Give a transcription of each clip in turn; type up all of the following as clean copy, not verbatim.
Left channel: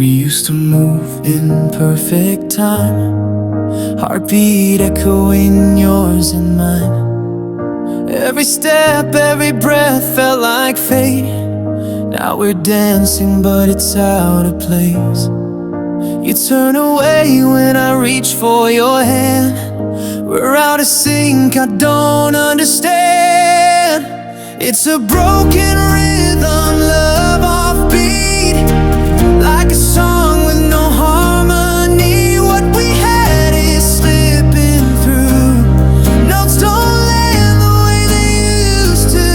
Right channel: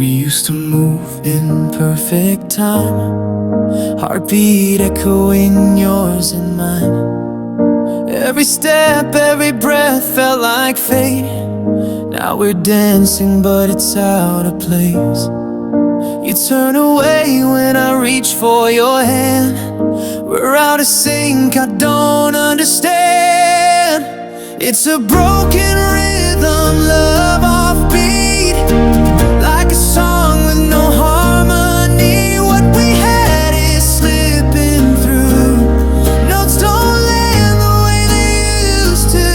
We used to move in perfect time, heartbeat echoing yours and mine. Every step, every breath felt like fate. Now we're dancing, but it's out of place. You turn away when I reach for your hand. We're out of sync, I don't understand. It's a broken rhythm, love offbeat, like a song with no harmony. What we had is slipping through. Notes don't land the way they used to.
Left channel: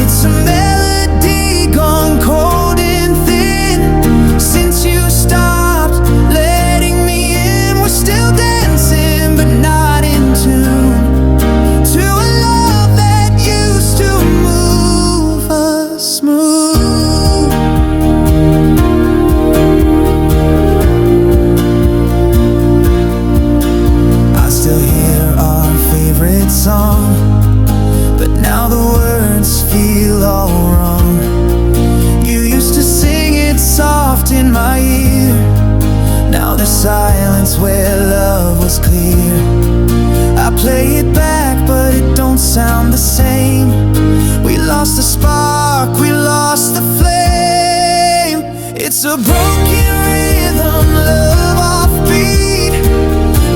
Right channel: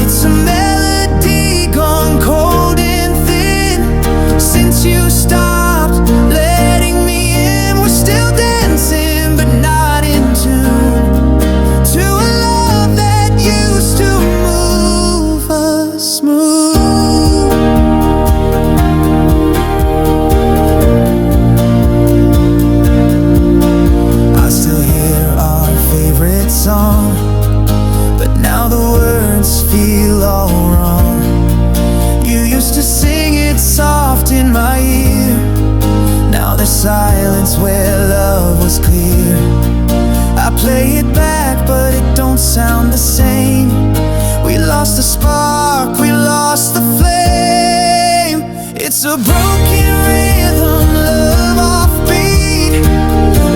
It's a melody gone cold and thin. Since you stopped letting me in, we're still dancing but not in tune to a love that used to move us smooth. I still hear our favorite song, but now the words feel all wrong. You used to sing it soft in my ear. Now there's silence where love was clear. I play it back, but it don't sound the same. We lost the spark, we lost the flame. It's a broken rhythm, love offbeat,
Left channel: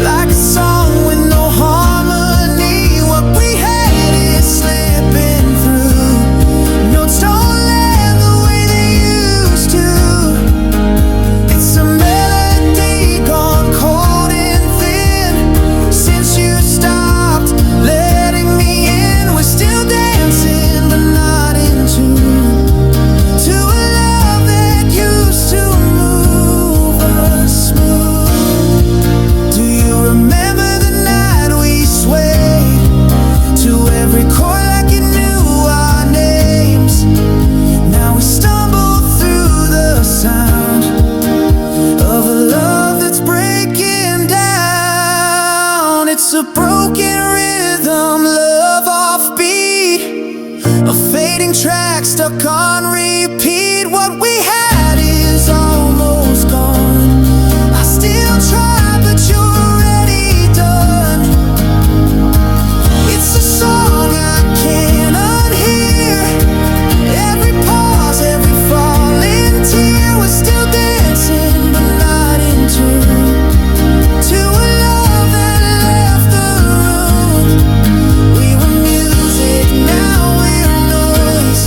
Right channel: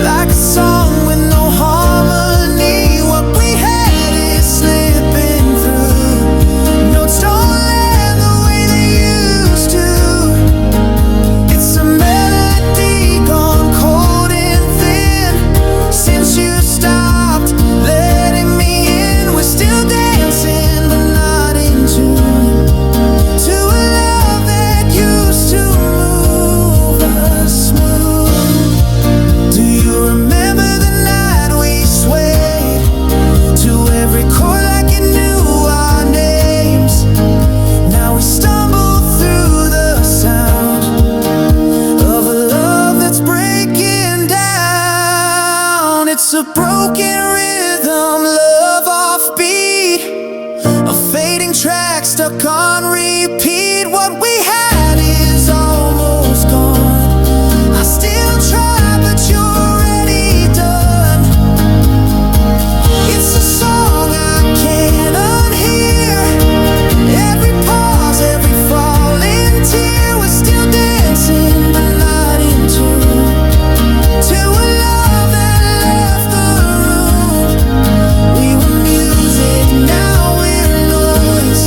like a song with no harmony. What we had is slipping through. Notes don't land the way they used to. It's a melody gone cold and thin. Since you stopped letting me in, we're still dancing but not in tune to a love that used to move us smooth. Do you remember the night we swayed to every chord like it knew our names? Now we stumble through the sound of a love that's breaking down. It's a broken rhythm, love offbeat, a fading track stuck on repeat. What we had is almost gone. I still try, but you're already done. It's a song I can't unhear. Every pause, every falling tear. We're still dancing but not in tune to a love that left the room. We were music, now we're noise.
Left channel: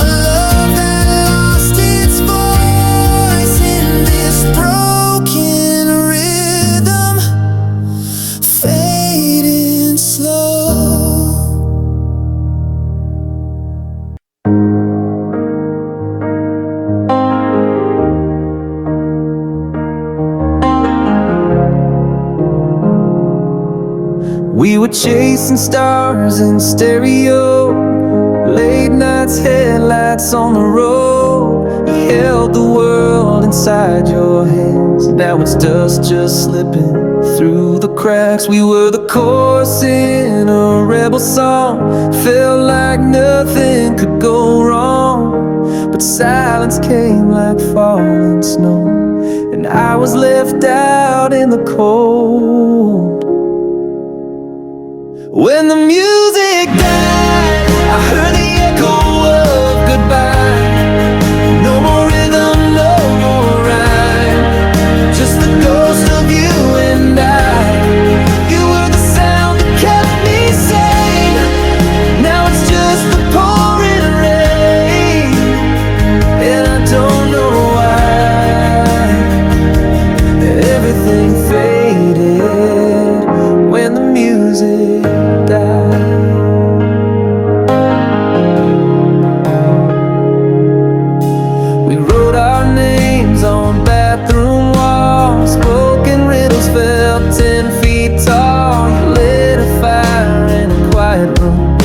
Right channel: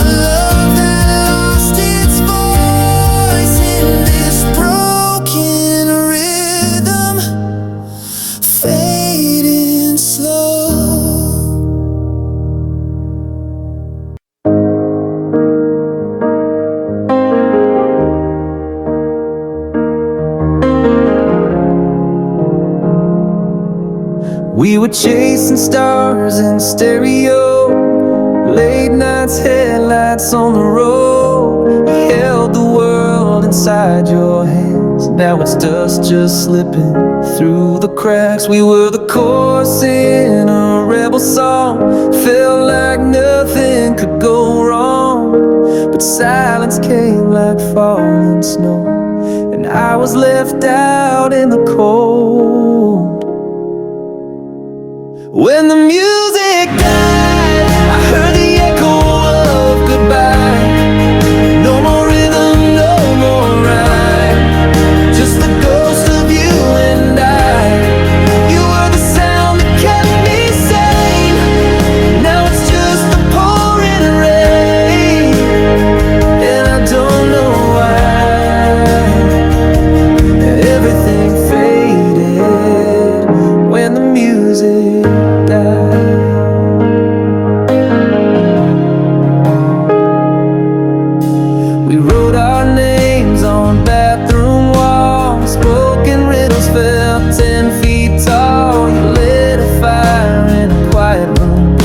A love that lost its voice in this broken rhythm, fading slow. We were chasing stars in stereo, late nights, headlights on the road. You held the world inside your hands. Now it's dust just slipping through the cracks. We were the chorus in a rebel song. Felt like nothing could go wrong, but silence came like falling snow, and I was left out in the cold. When the music died, I heard the echo of goodbye. No more rhythm, no more rhyme, just the ghost of you and I. You were the sound that kept me sane. Now it's just the pouring rain, and I don't know why. Everything faded when the music died. We wrote our names on bathroom walls. Spoken riddles felt 10 feet tall. You lit a fire in a quiet room.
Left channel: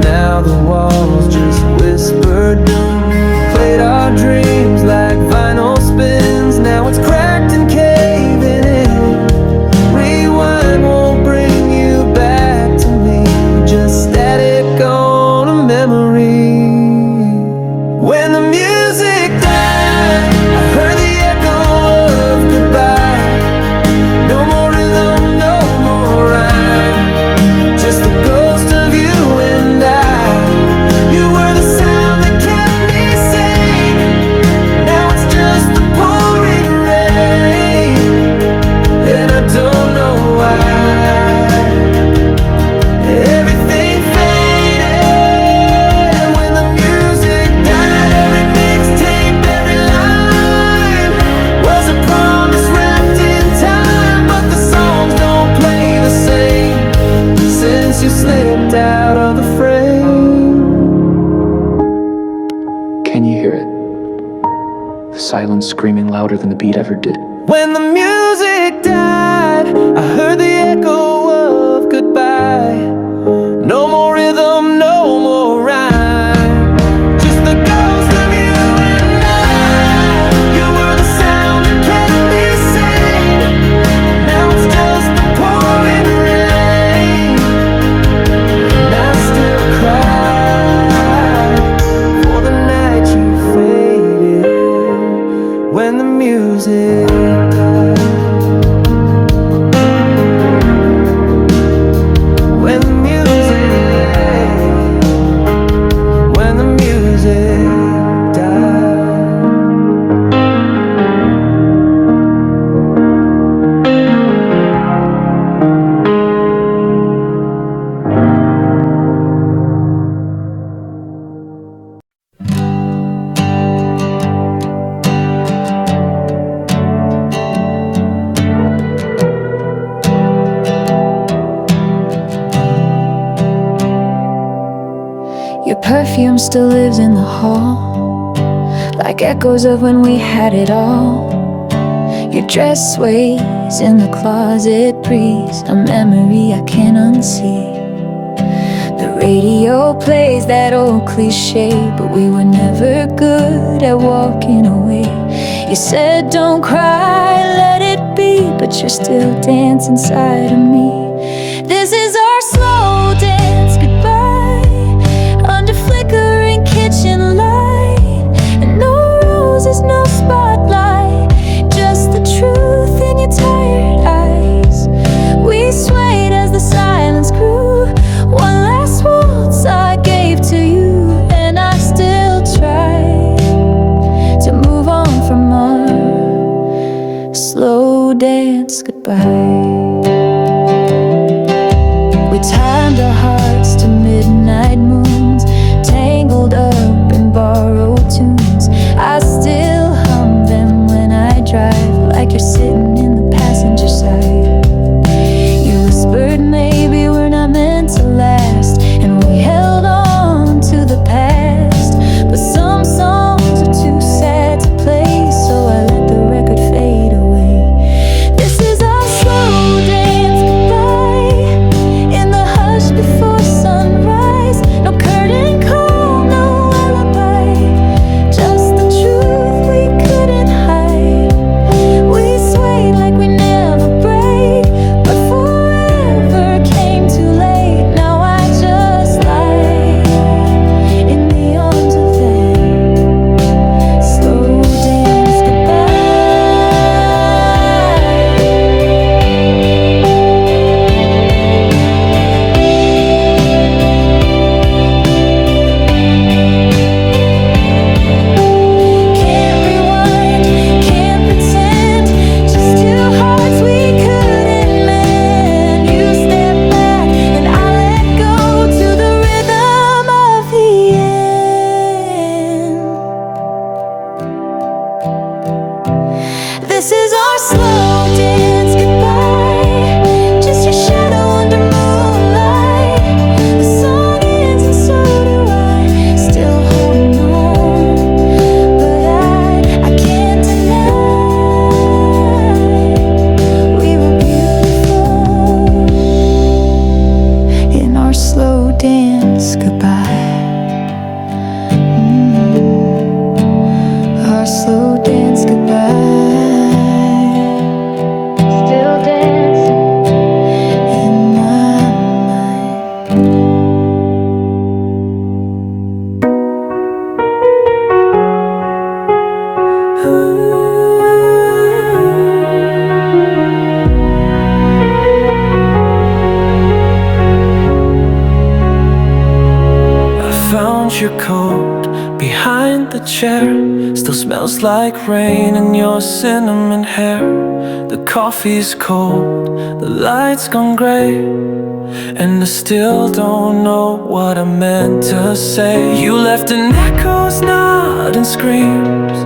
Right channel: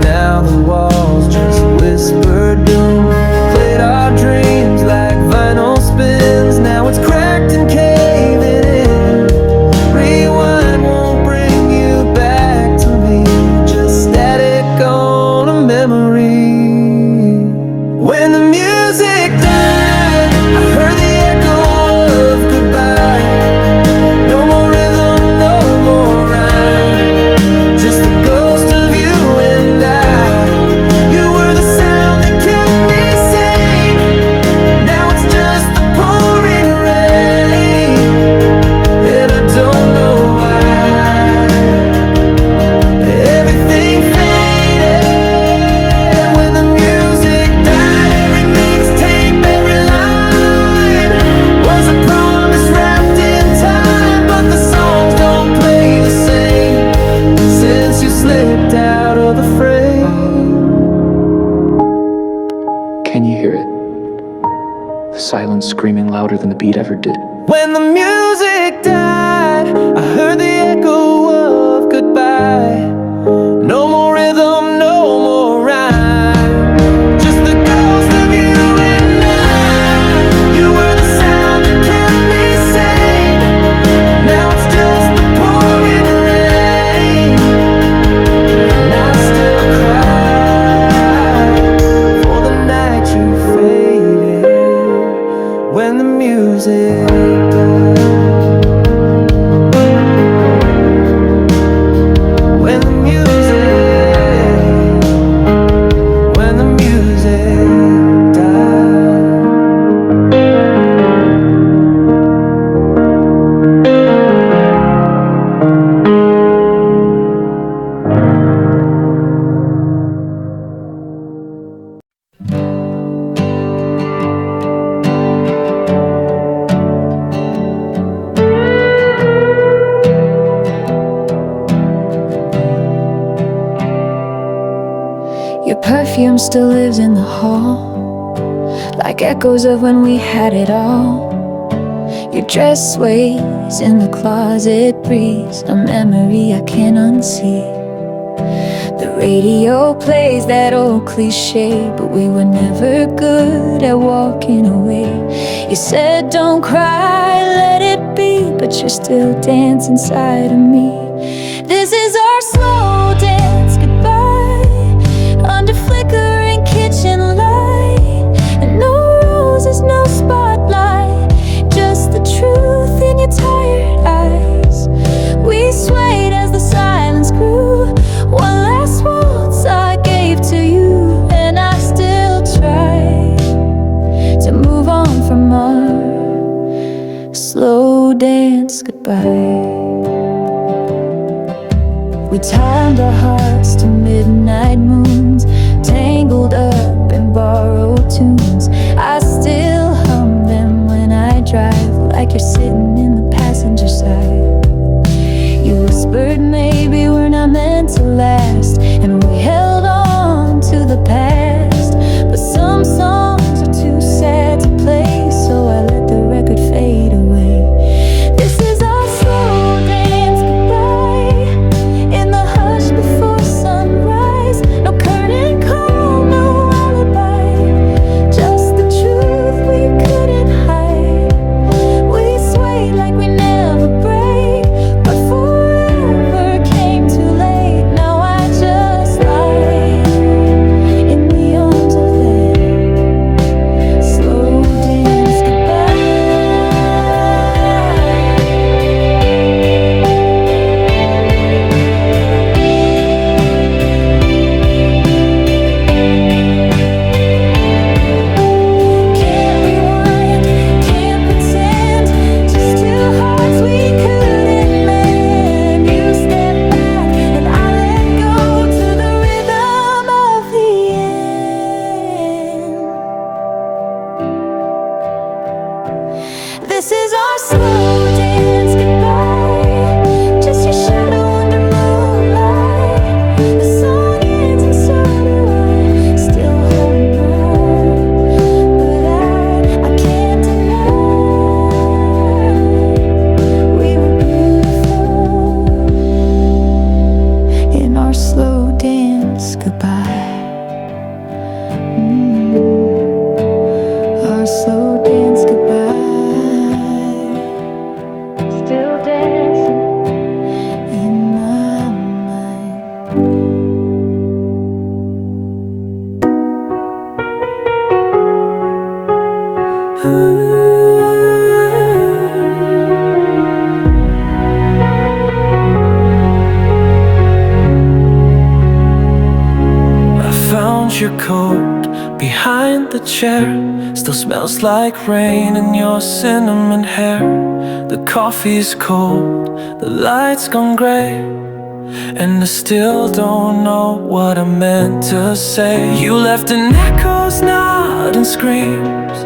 Now the walls just whisper doom. Played our dreams like vinyl spins. Now it's cracked and caving in. Rewind won't bring you back to me, just static on a memory. When the music died, slipped out of the frame. Can you hear it? The silence screaming louder than the beat ever did. When the music died, I heard the echo of goodbye. No more rhythm, no more rhyme, just the ghost of you and I. You were the sound that kept me sane. Now it's just the pouring rain, and I still cry for the night you faded when the music died. When the music died. Your perfume still lives in the hall, like echoes of when we had it all. Your dress sways in the closet breeze, a memory I can't unsee. The radio plays that old cliche, but we were never good at walking away. You said don't cry, let it be, but you're still dancing inside of me. This is our slow dance goodbye, under flickering kitchen light, and no roses, no spotlight, just the truth in your tired eyes. We swayed as the silence grew, one last waltz I gave to you, and I still try to move on from our slow dance goodbye. We timed our hearts to midnight moons, tangled up in borrowed tunes. I still hum them when I drive, like you're sitting in the passenger side. You whispered maybe we're not meant to last, and we held on to the past. But some songs are too sad to play, so I let the record fade away. This is our slow dance goodbye, in the hush before sunrise. No curtain call, no alibi, just the truth we couldn't hide. We swayed like we never break, but forever came too late. Now I just lie in the arms of that slow dance goodbye. This is our slow dance goodbye, just your shadow under moonlight. The song ends and so do I, still holding on. But I can't deny we were beautiful in our slow dance goodbye. Our slow dance goodbye. Still dancing in my mind. I found your coat behind the chair, still smells like rain in your cinnamon hair. The coffee's cold, the lights gone gray, and I still don't know what I meant to say. You left in echoes, not in screams,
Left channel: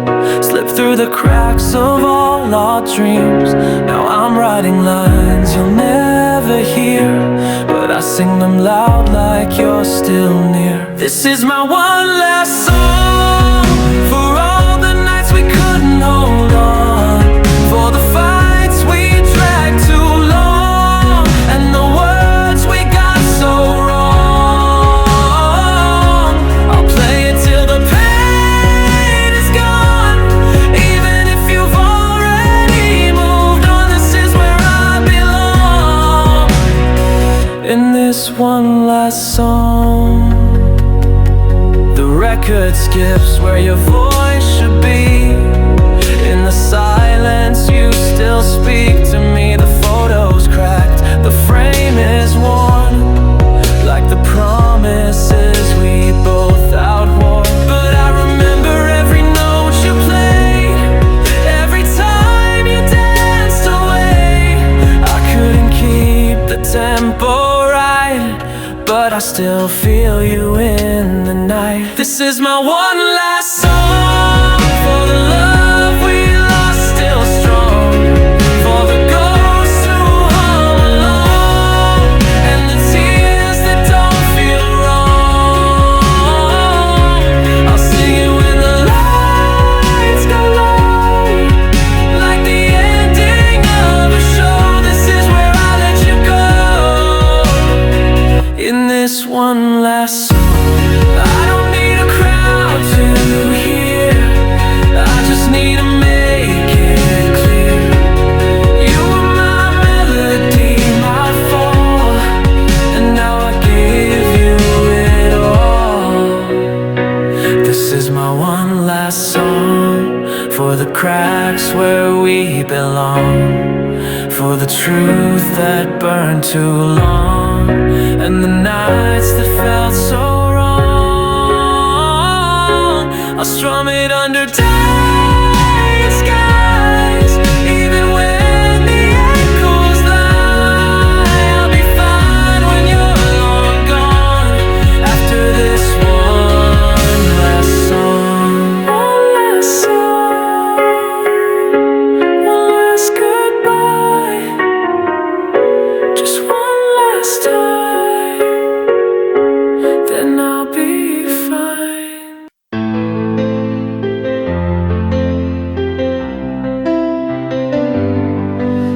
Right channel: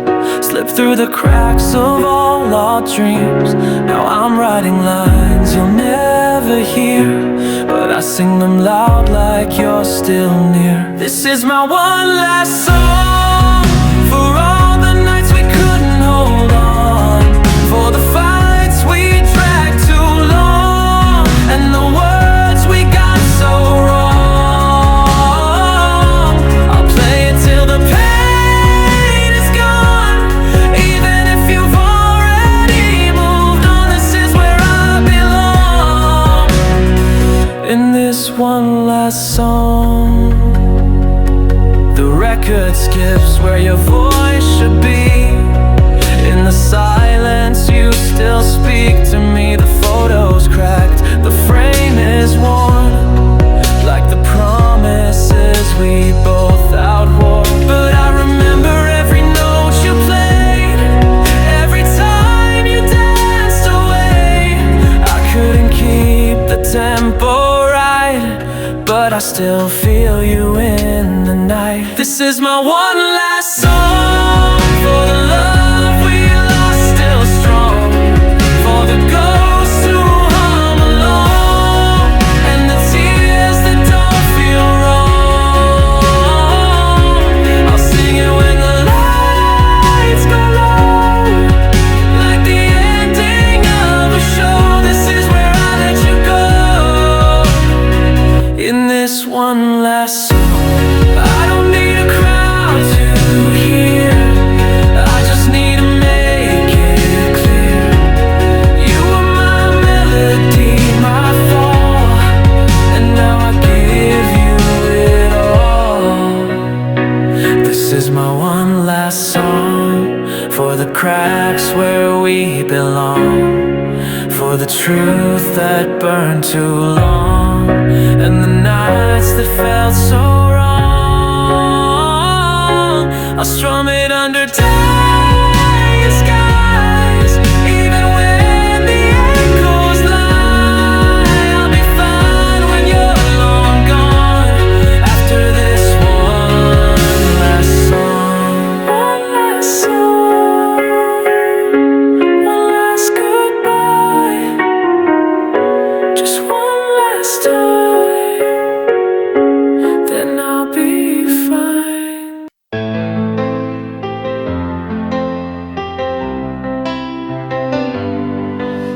slipped through the cracks of all our dreams. Now I'm writing lines you'll never hear, but I sing them loud like you're still near. This is my one last song, for all the nights we couldn't hold on, for the fights we dragged too long, and the words we got so wrong. I'll play it till the pain is gone, even if you've already moved on. This is where I belong, in this one last song. The record skips where your voice should be. In the silence you still speak to me. The photo's cracked, the frame is worn, like the promises we both outwore. But I remember every note you played, every time you danced away. I couldn't keep the tempo right, but I still feel you in the night. This is my one last song, for the love we lost still strong, for the ghosts who hum along, and the tears that don't feel wrong. I'll sing it when the lights go low, like the ending of a show. This is where I let you go, in this one last song. I don't need a crowd to hear, I just need to make it clear. You were my melody, my fall, and now I give you it all. This is my one last song, for the cracks where we belong, for the truth that burned too long, and the nights that felt so wrong. I'll strum it under dying skies, even when the echoes lie. I'll be fine when you're long gone, after this one last song. One last song, one last goodbye, just one last time, then I'll be fine.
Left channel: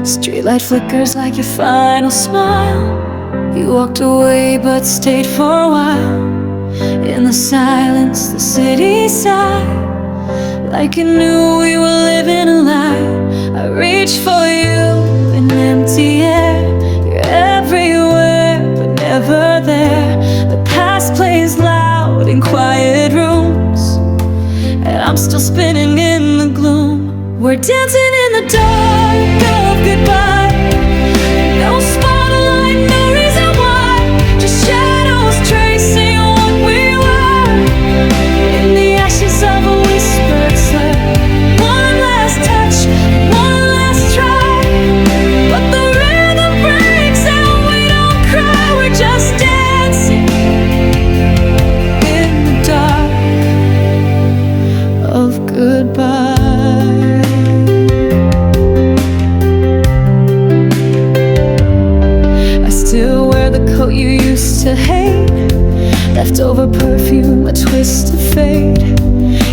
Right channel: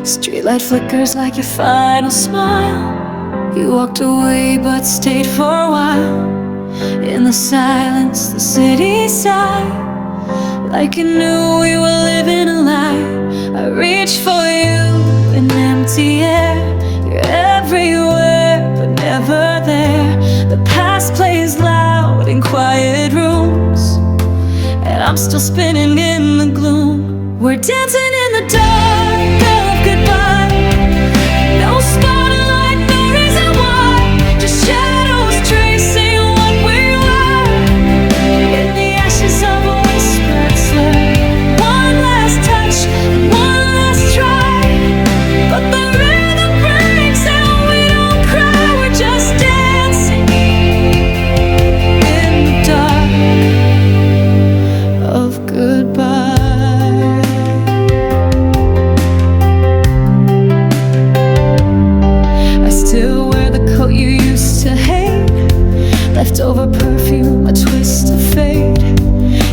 Streetlight flickers like your final smile. You walked away but stayed for a while. In the silence, the city sighed, like it knew we were living a lie. I reached for you in empty air. You're everywhere but never there. The past plays loud in quiet rooms, and I'm still spinning in the gloom. We're dancing in the dark of goodbye. No spotlight, no reason why, just shadows tracing what we were, in the ashes of a whispered slur. One last touch, one last try, but the rhythm breaks and we don't cry. We're just dancing in the dark of goodbye. Still wear the coat you used to hate, leftover perfume, a twist of fate.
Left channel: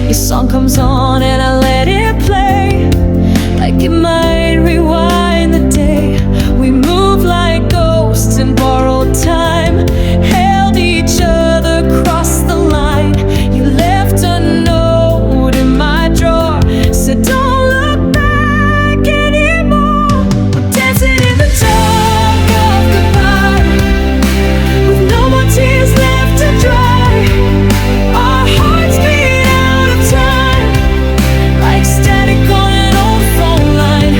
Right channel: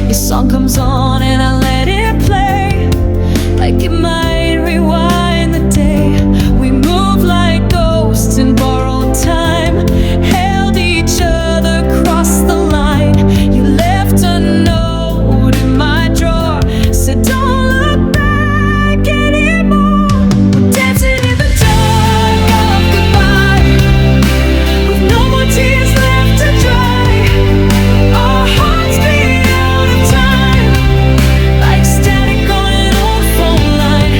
Your song comes on and I let it play, like it might rewind the day. We move like ghosts in borrowed time, held each other across the line. You left a note in my drawer, said don't look back anymore. We're dancing in the dark of goodbye, with no more tears left to dry. Our hearts beat out of time, like static on an old phone line.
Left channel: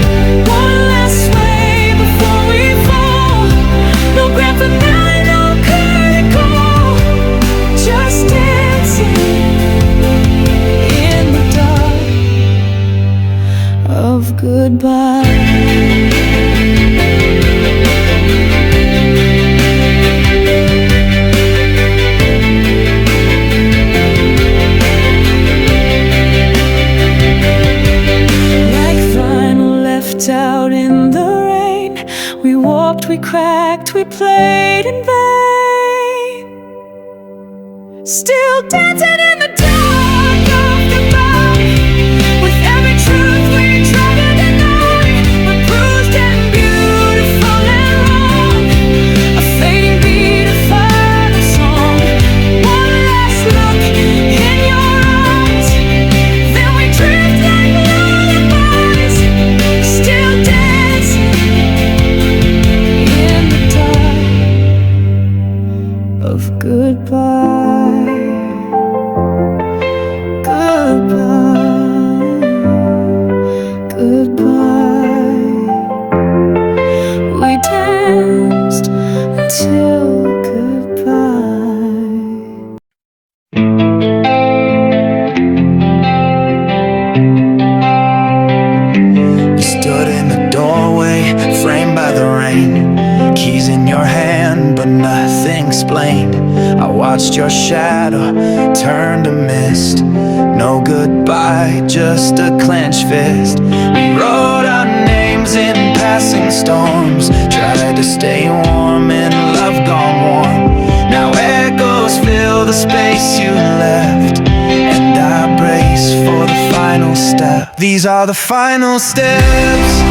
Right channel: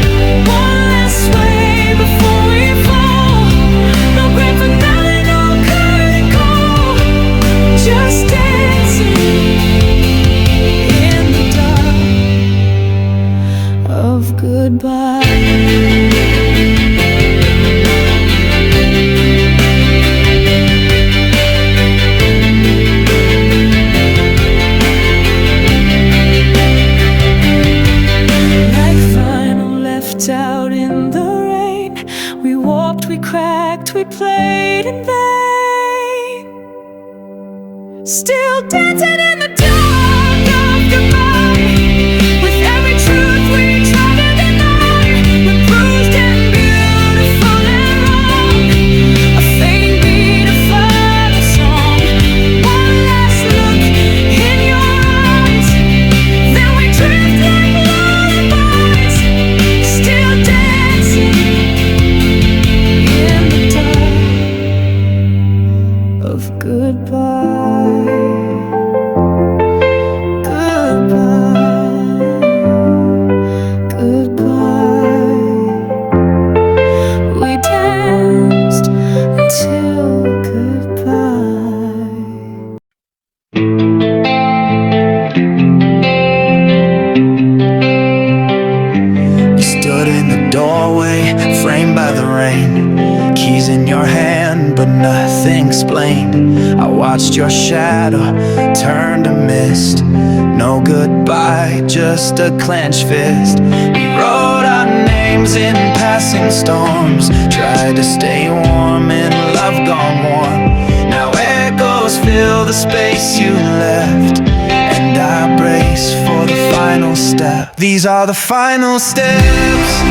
One last sway before we fall, no grand hoped, we cracked, we played in vain. Still dancing in the dark of goodbye, with every truth we try to deny. We're bruised and beautiful and wrong, a fading beat, a final song. One last look in your eyes, then we drift like lullabies. Still dancing in the dark of goodbye. Goodbye, goodbye. We danced until goodbye. You stood in the doorway, framed by the rain, keys in your hand, but nothing explained. I watched your shadow turn to mist. No goodbye, just a clenched fist. We wrote our names in passing storms, tried to stay warm in love gone warm. Now echoes fill the space you left, and I brace for the final step. These are the final steps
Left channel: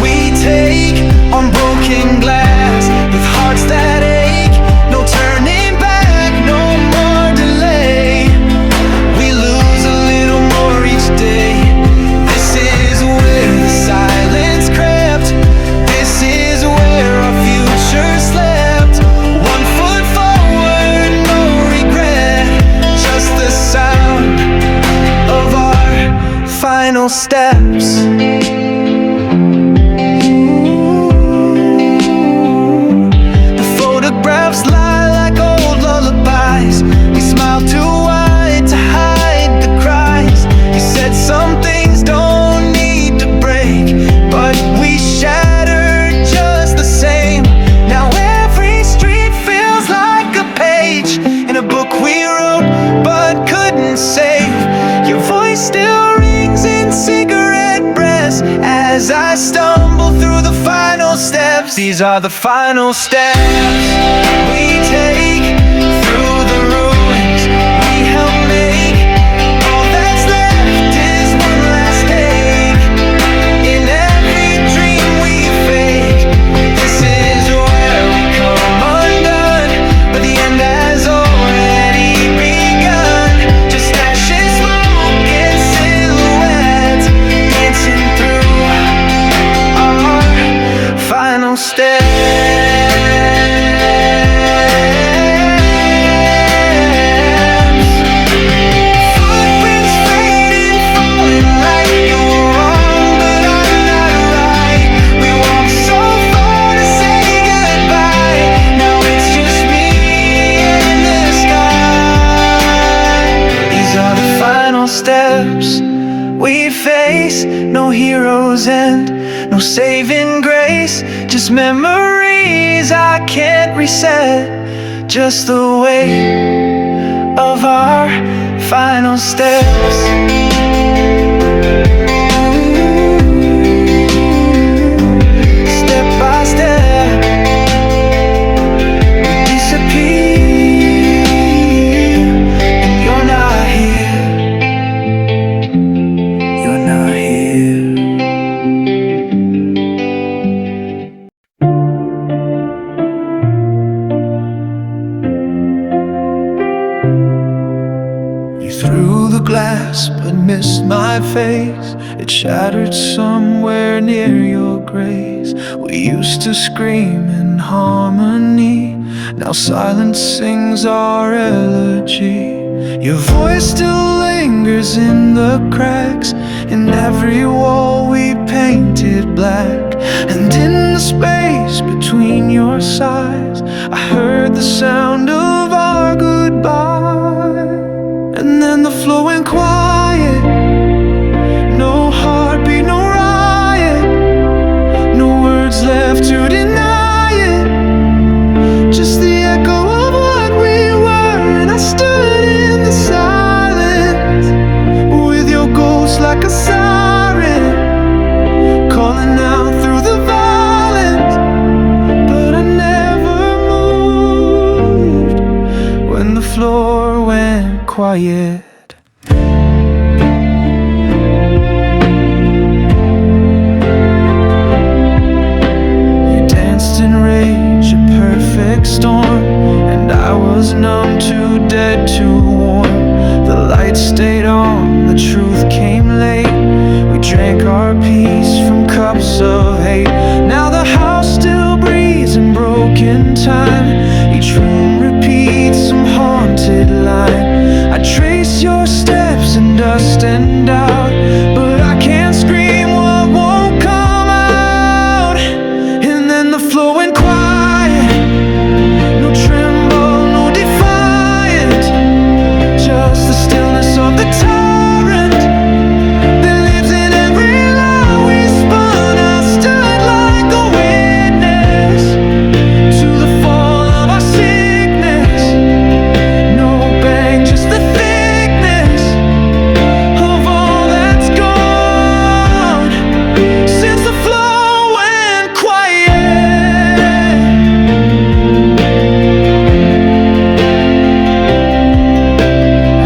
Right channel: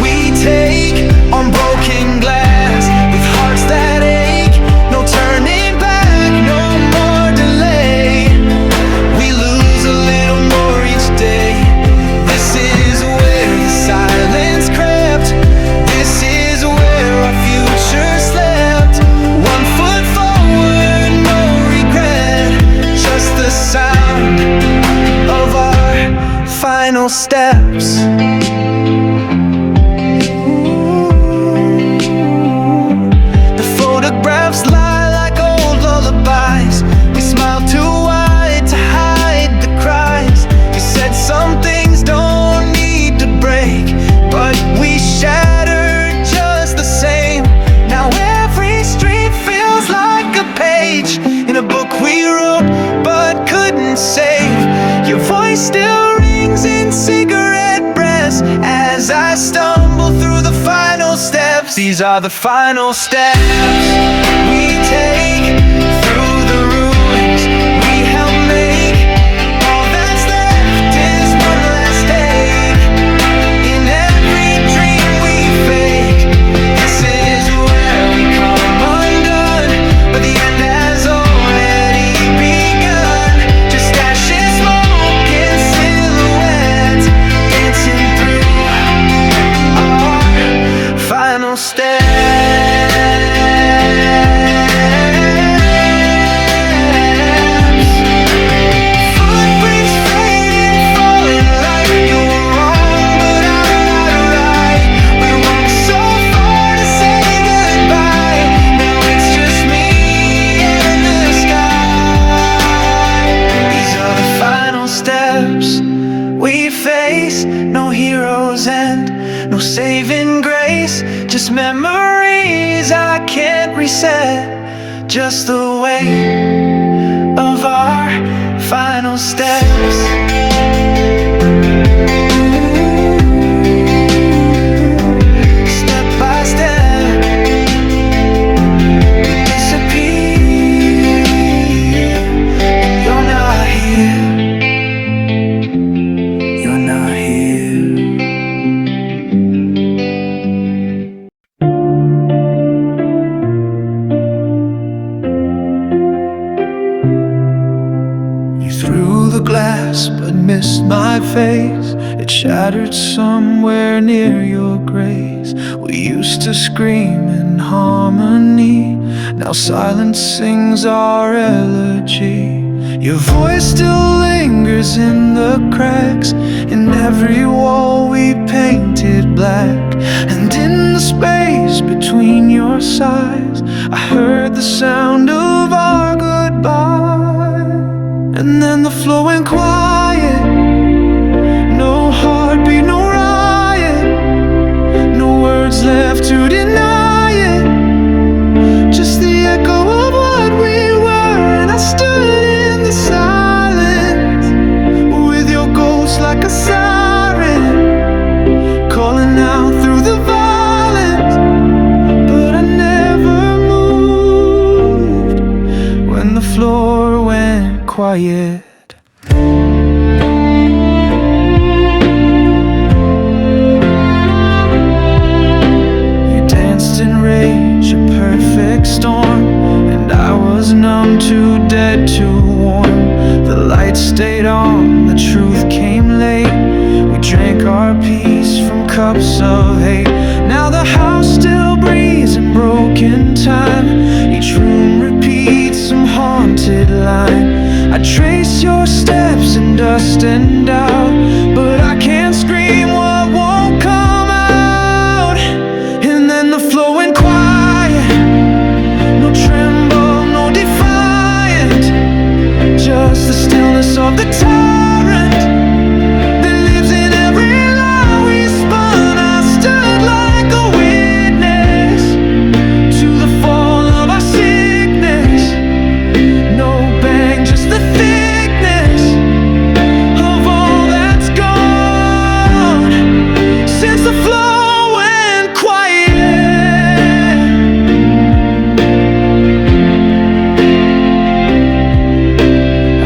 we take on broken glass, with hearts that ache. No turning back, no more delay. We lose a little more each day. This is where the silence crept. This is where our future slept. 1 foot forward, no regret, just the sound of our final steps. The photographs lie like old lullabies. We smile too wide to hide the cries. You said some things don't need to break, but we shattered just the same. Now every street feels like a page in a book we wrote but couldn't save. Your voice still rings in cigarette breaths as I stumble through the final steps. These are the final steps we take through the ruins we help make. All that's left is one last take in every dream we fake. This is where we come undone, but the end has already begun. Just ashes, smoke, and silhouettes dancing through our final steps. Footprints fading, falling like you were wrong, but I'm not right. We walked so far to say goodbye. Now it's just me and the sky. These are the final steps we face. No hero's end, no saving grace, just memories I can't reset. Just the weight of our final steps. Ooh, step by step, we disappear, and you're not here. You're not here. You threw the glass but missed my face. It shattered somewhere near your grace. We used to scream in harmony, now silence sings our elegy. Your voice still lingers in the cracks, in every wall we painted black. And in the space between your sighs, I heard the sound of our goodbye. And then the floor went quiet, no heartbeat, no riot, no words left to deny it, just the echo of what we were. And I stood in the silence with your ghost like a siren, calling out through the violence. But the floor went quiet. You danced in rage, a perfect storm, and I was numb, too dead, too warm. The lights stayed on, the truth came late. We drank our peace from cups of hate. Now the house still breathes in broken time. Each room repeats some haunted line. I trace your steps in dust and doubt, but I can't scream what won't come out. And then the floor went quiet. No tremble, no defiant, just the stillness of the tyrant that lives in every lie we spun. I stood like a witness to the fall of our sickness. No bang, just the thickness of all that's gone since the floor went quiet.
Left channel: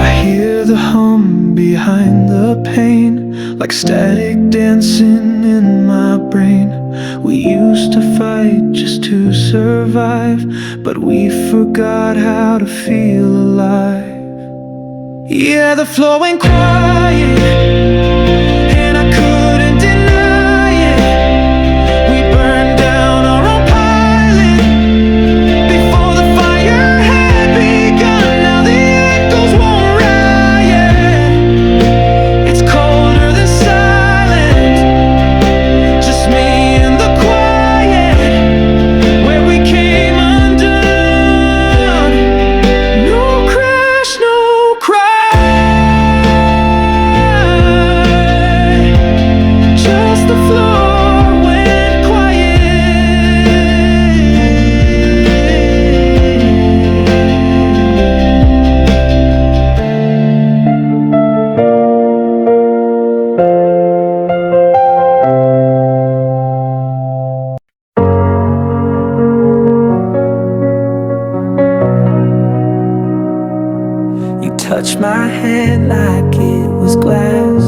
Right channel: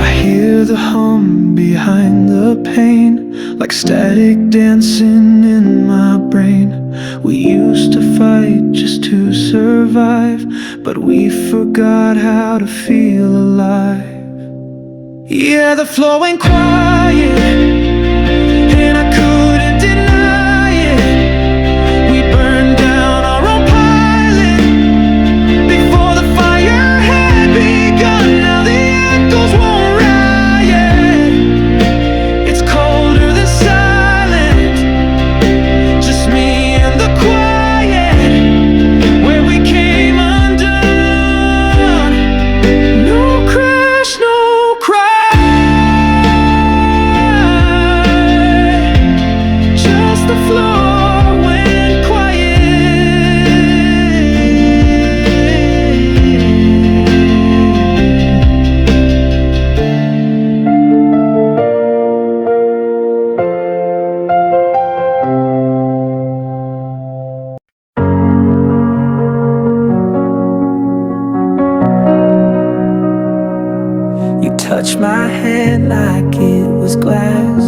I hear the hum behind the pain, like static dancing in my brain. We used to fight just to survive, but we forgot how to feel alive. Yeah, the floor went quiet, and I couldn't deny it. We burned down our own pilot before the fire had begun. Now the echoes won't riot. It's colder than silence, just me and the quiet where we came undone. No crash, no cry, just the floor went quiet. You touched my hand like it was glass,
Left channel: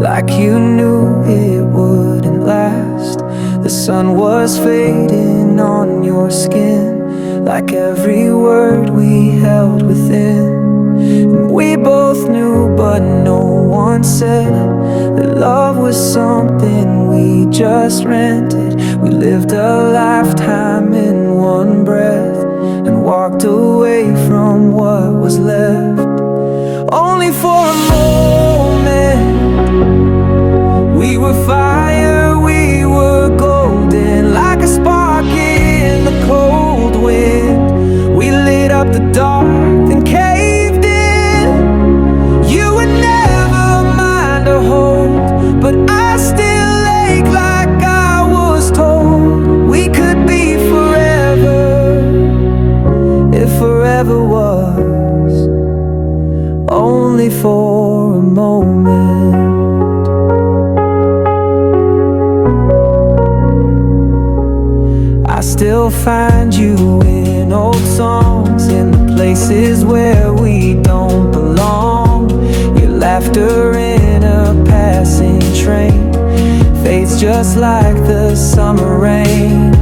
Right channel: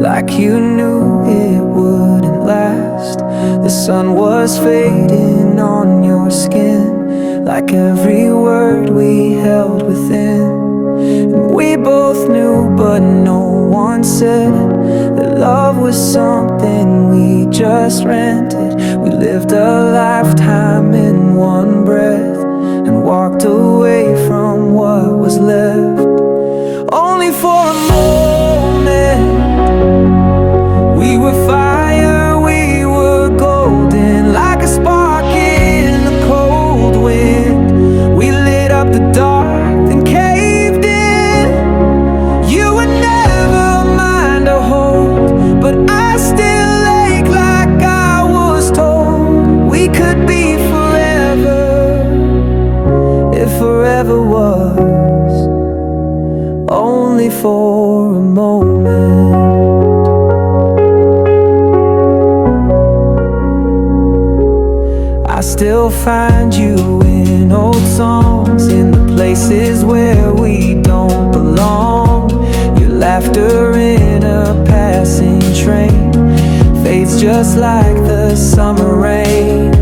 like you knew it wouldn't last. The sun was fading on your skin, like every word we held within. And we both knew, but no one said that love was something we just rented. We lived a lifetime in one breath and walked away from what was left. Only for a moment, we were fire, we were golden, like a spark in the cold wind. We lit up the dark, then caved in. You would never mind a hold, but I still ache like I was told we could be forever, if forever was only for a moment. I still find you in old songs, in the places where we don't belong. Your laughter in a passing train fades just like the summer rain.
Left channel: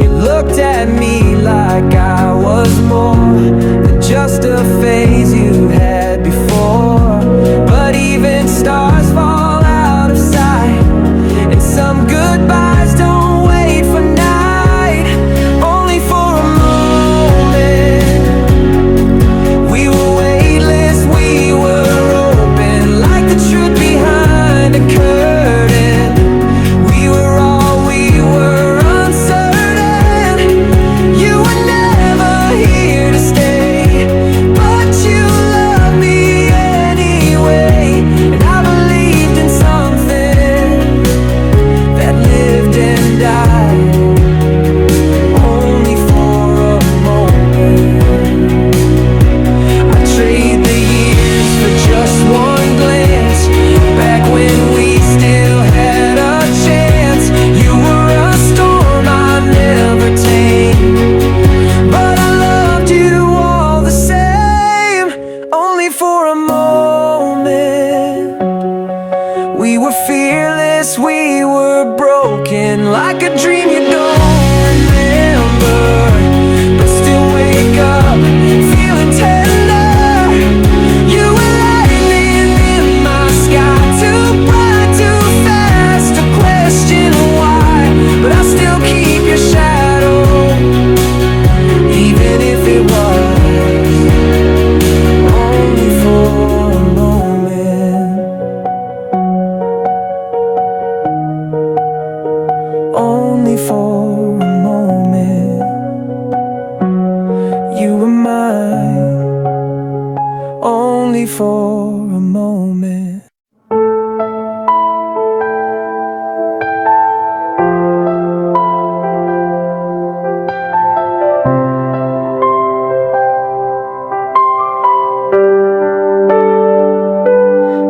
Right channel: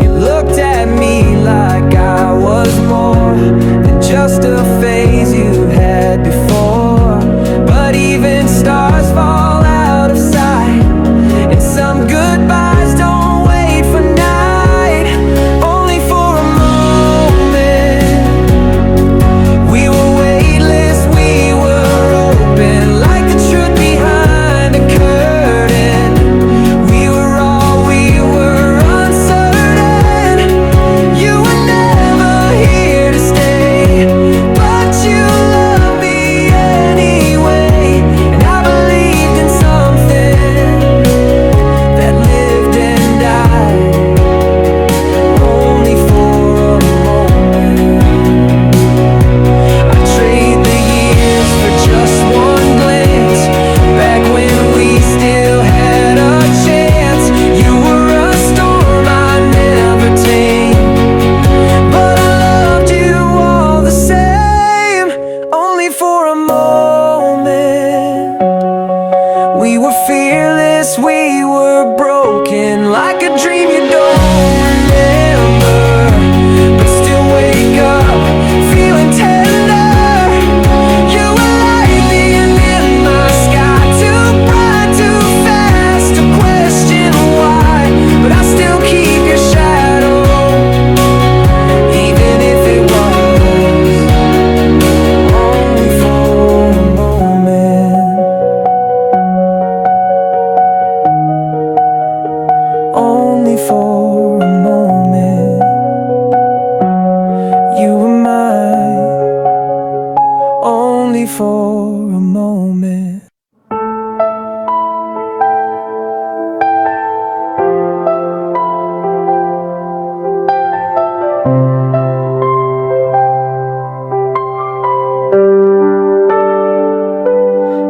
You looked at me like I was more than just a phase you had before. But even stars fall out of sight, and some goodbyes don't wait for night. Only for a moment, we were weightless, we were open, like the truth behind a curtain. We were all we were, uncertain. You were never here to stay, but you loved me anyway. And I believed in something that lived and died were fearless, we were broken, like a dream you don't remember, but still wake up feeling tender. You were lightning in my sky, too bright, too fast to question why, but I still keep your shadow, even if it was only for a moment. Only for a moment. You were mine, only for a moment.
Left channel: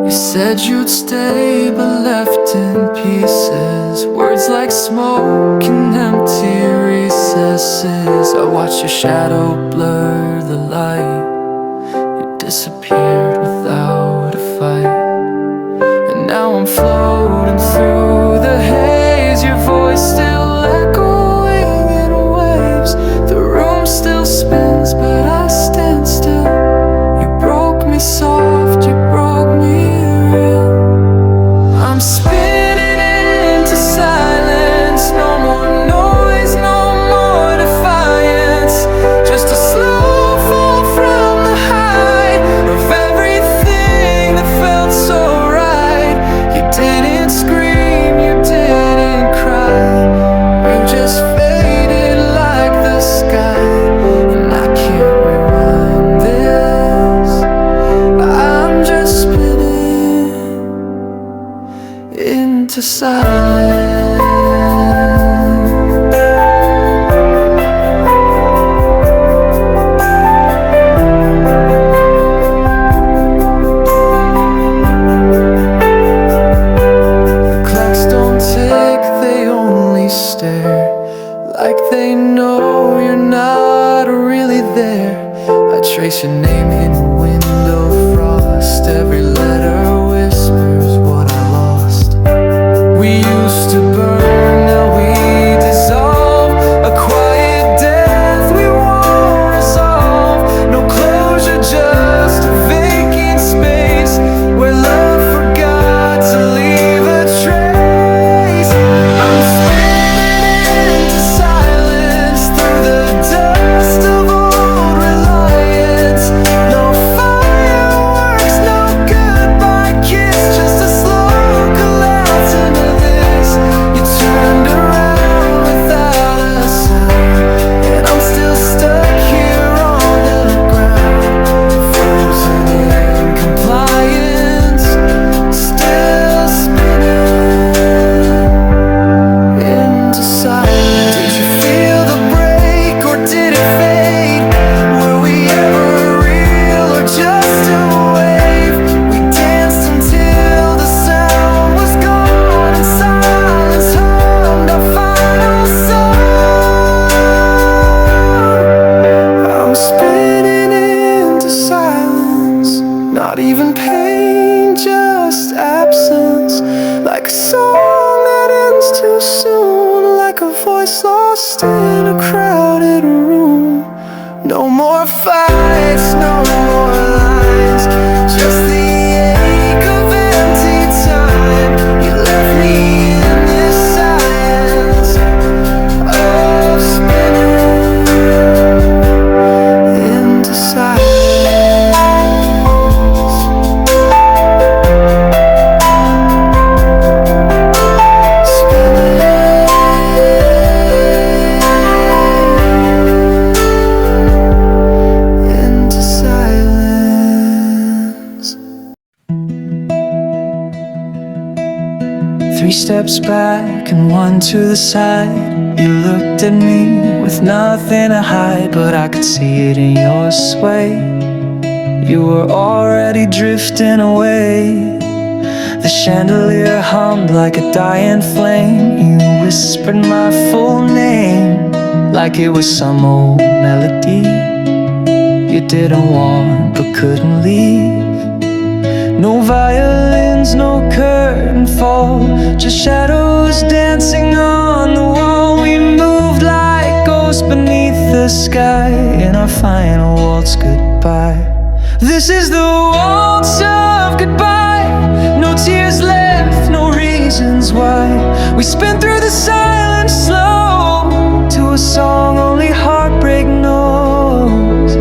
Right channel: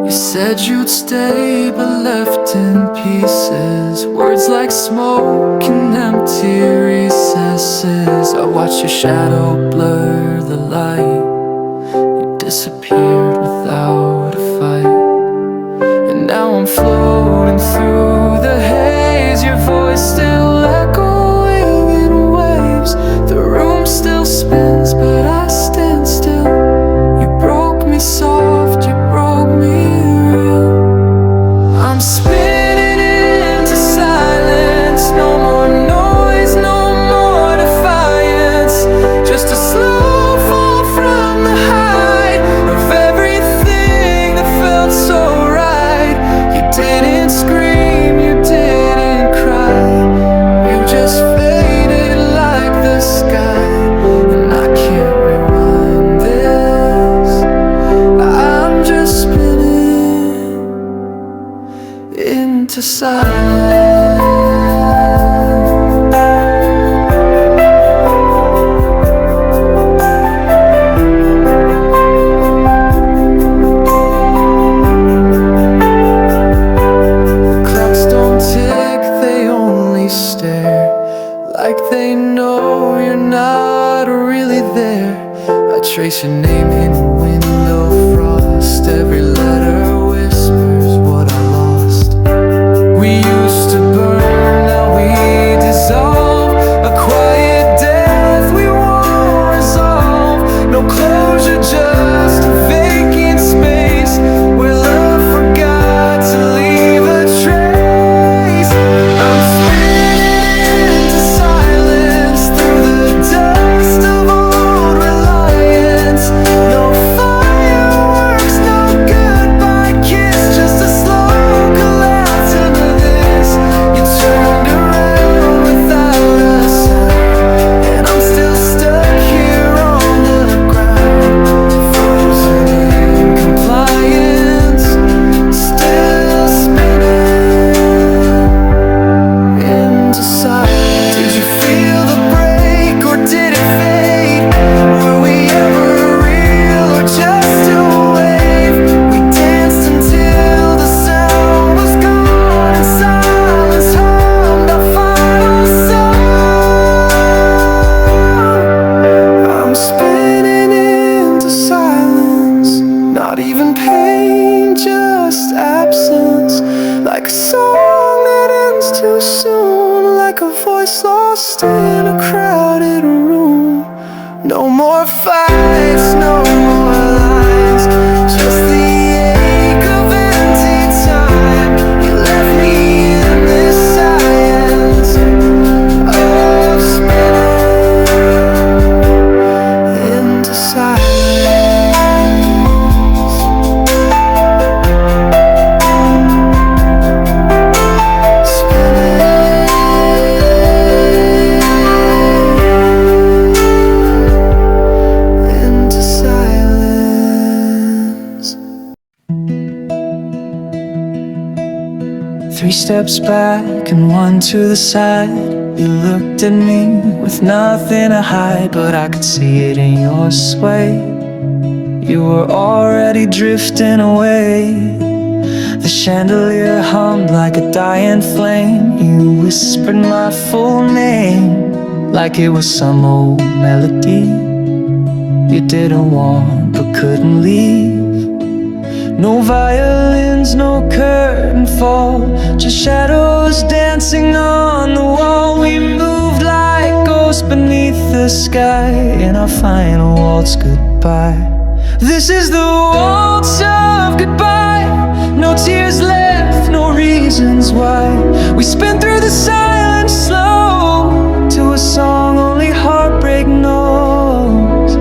You said you'd stay, but left in pieces. Words like smoke in empty recesses. I watched your shadow blur the light. You disappeared without a fight. And now I'm floating through the haze, your voice still echoing in waves. The room still spins, but I stand still. You broke me soft, you broke me real. I'm spinning into silence. No more noise, no more defiance. Just a slow fall from the height of everything that felt so right. You didn't scream, you didn't cry. You just faded like the sky. And I can't rewind this. I'm just spinning into silence. The clocks don't tick, they only stare, like they know you're not really there. I trace your name in window frost. Every letter whispers what I lost. We used to burn, now we dissolve. A quiet death we won't resolve. No closure, just a vacant space where love forgot to leave a trace. I'm spinning into silence through the dust of old reliance. No fireworks, no goodbye kiss, just a slow collapse into this. You turned around without a sound, and I'm still stuck here on the ground, frozen in compliance, still spinning into silence. Did you feel the break, or did it fade? Were we ever real, or just a wave? We danced until the sound was gone, and silence hummed our final song. I'm spinning into silence, not even pain, just absence. Like a song that ends too soon, like a voice lost in a crowded room. No more fights, no more lines, just the ache of empty time. You left me in this science of spinning into silence. Three steps back and one to the side. You looked at me with nothing to hide, but I could see it in your sway. You were already drifting away. The chandelier hummed like a dying flame. You whispered my full name like it was some old melody you didn't want but couldn't leave. No violins, no curtain fall, just shadows dancing on the wall. We moved like ghosts beneath the sky in our final waltz goodbye. This is the waltz of goodbye. No tears left, no reasons why. We spin through the silence slow to a song only heartbreak knows.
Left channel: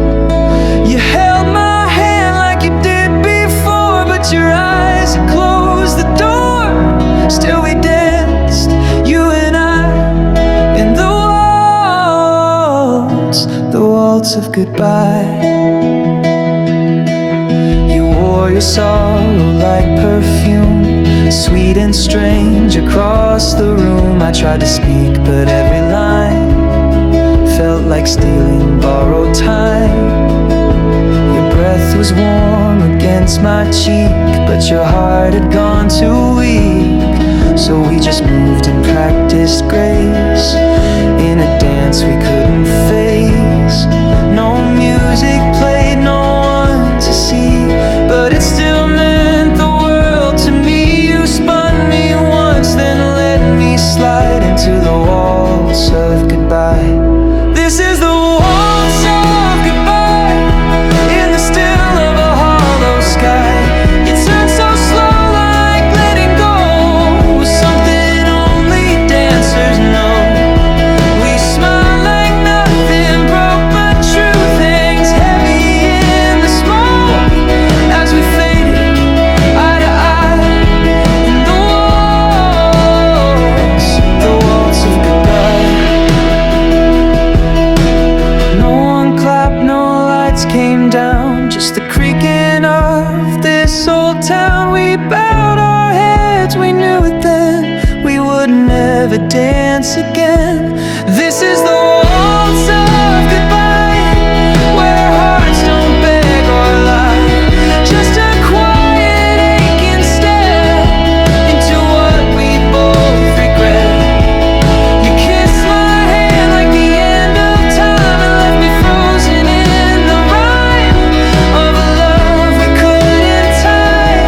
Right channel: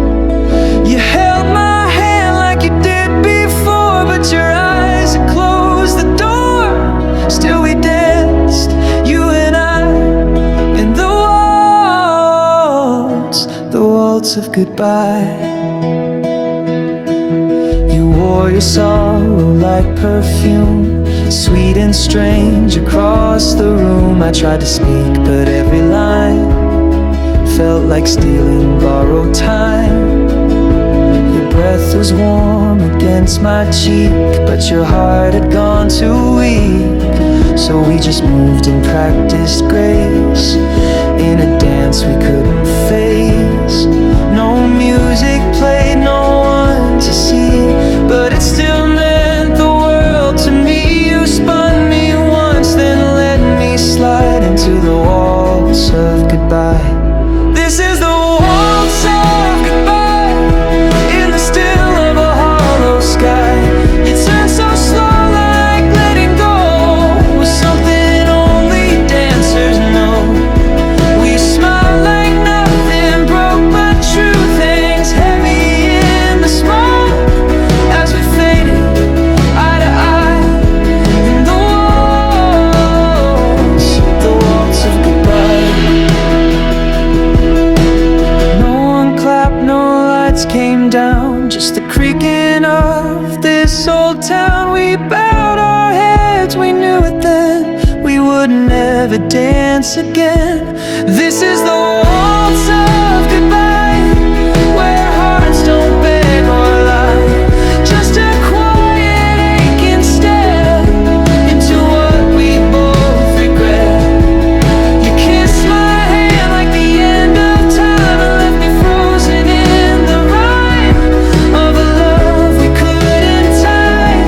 You held my hand like you did before, but your eyes had closed the door. Still we danced, you and I, in the waltz of goodbye. You wore your sorrow like perfume, sweet and strange across the room. I tried to speak, but every line felt like stealing borrowed time. Your breath was warm against my cheek, but your heart had gone too weak. So we just moved and practiced grace in a dance we couldn't face. No music played, no one to see, but it still meant the world to me. You spun me once, then let me slide into the waltz of goodbye. This is the waltz of goodbye, in the still of a hollow sky. You turn so slow, like letting go was something only dancers know. We smile like nothing broke, but truth hangs heavy in the smoke as we faded eye to eye in the waltz of goodbye. No one clapped, no lights came down, just the creaking of this old town. We bowed our heads, we knew it then, we would never dance again. This is the waltz of goodbye, where hearts don't beg or lie, just a quiet aching stare into what we both regret. You kissed my hand like the end of time and left me frozen in the rhyme of a love we couldn't tie.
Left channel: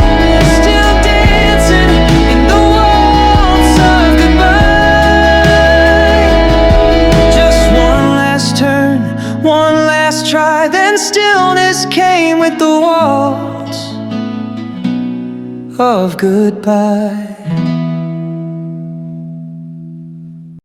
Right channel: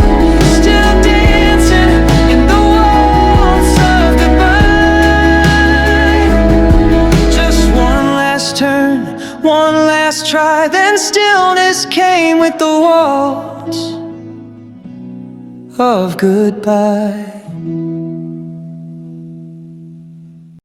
Still dancing in the waltz of goodbye. Just one last turn, one last try, then stillness came with the waltz of goodbye.